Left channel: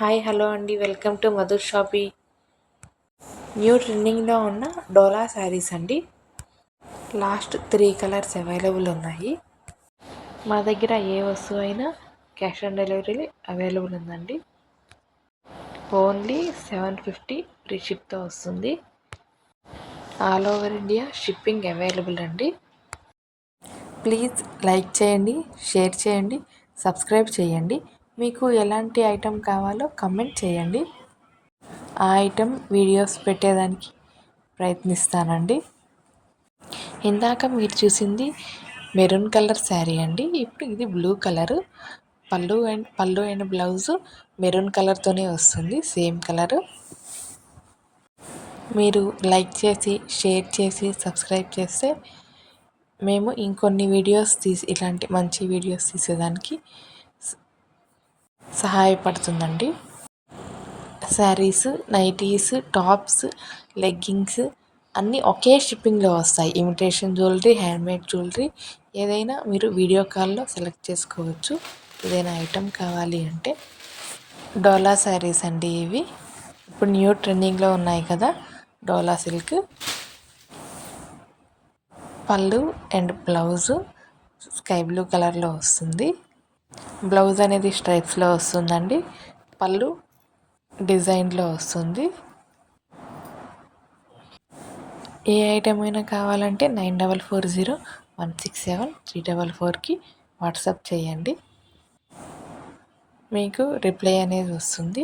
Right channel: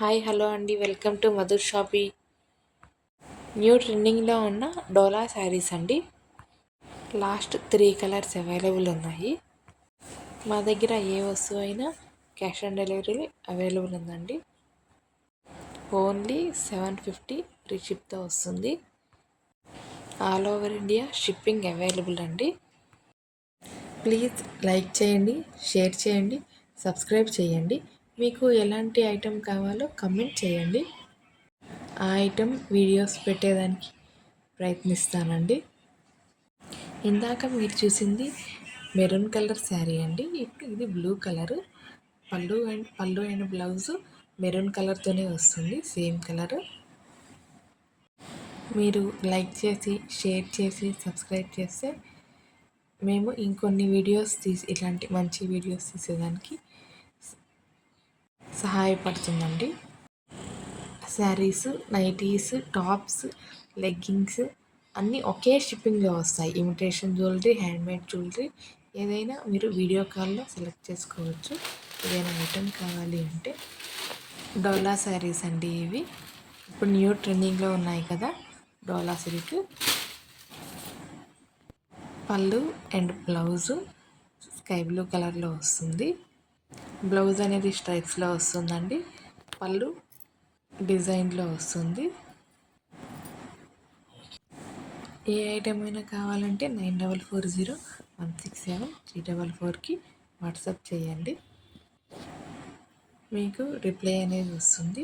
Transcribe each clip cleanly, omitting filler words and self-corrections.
Hi hello అండి, welcome to Madhur షాపీ. New ట్రెండింగ్లో ఉన్న డోలా శారీస్ అండి. లాస్ట్ 3 కలర్స్ అవైలబుల్ ఉన్నాయి. మా దగ్గర ఏ వస్తువు అయినా క్యాష్ ఆన్ డెలివరీ అవైలబుల్ ఉందండి. ఓన్లీ 750 ఫ్రీ షిప్తో వస్తుంది. All over India shipping available అండి. ప్లీజ్ లైక్ చేయండి, షేర్ చేయండి, సబ్స్క్రైబ్ చేయండి. మీకు ఎలాంటి ఐటెం కావాలో కమెంట్ చేయండి. ఆ ఐటెం వీడియోస్ పెట్టేదానికి ప్రయత్నిస్తానండి. ఇందాక మీరు చూసింది మెరూన్ కలర్ శారీ అండి. ఇప్పుడు ఇది బ్లూ కలరు. పళ్ళు అండ్ బ్లౌజు మెరూన్ కలర్తోనే వస్తుంది, సేమ్ కలరు. మీరు లైక్ చేసి, షేర్ చేసి, సబ్స్క్రైబ్ చేస్తే మేము ఇంకొన్ని వీడియోస్ ఇలాంటి మంచి వీడియోస్ తీసేదానికి సహాయపడుతుందండి. శారీస్, నైటీస్, టాప్స్, లెగ్గింగ్స్ అన్నీ ఒకే షిప్పింగ్లో వస్తాయి. ఇమిటేషన్ జ్యువెలరీ, హ్యాండ్మేడ్ జ్యువెలరీ ఏదైనా మీరు వీడియో కాల్లో సెలెక్ట్ చేసుకోవచ్చు. ఏదైనా ఐటెం కావాలి అంటే. డోలా శారీస్ అండి ఇవి. ఇప్పుడు న్యూ ట్రెండింగ్లో ఉన్నాయి కదా, డోలా సిల్క్. పళ్ళు అండ్ బ్లౌజు స్కై బ్లూ కలర్లో వస్తుంది. బ్లౌజ్ అనేది స్ట్రైప్స్లో వస్తుందండి. పళ్ళు డిజైన్లో వస్తుంది. ఏ ఐటెం అయినా కావాలంటే 9440167344కి వాట్సాప్ చేయండి. మీకు రిప్లై అనేది వస్తుంది.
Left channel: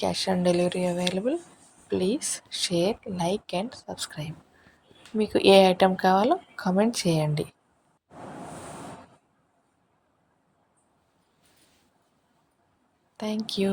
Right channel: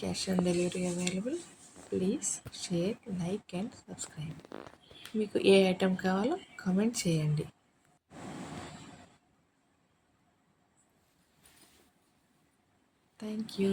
Cash on delivery available. Please share, like and subscribe. మీకు ఏ ఐటెం కావాలో కామెంట్ చేయండి. Thank you.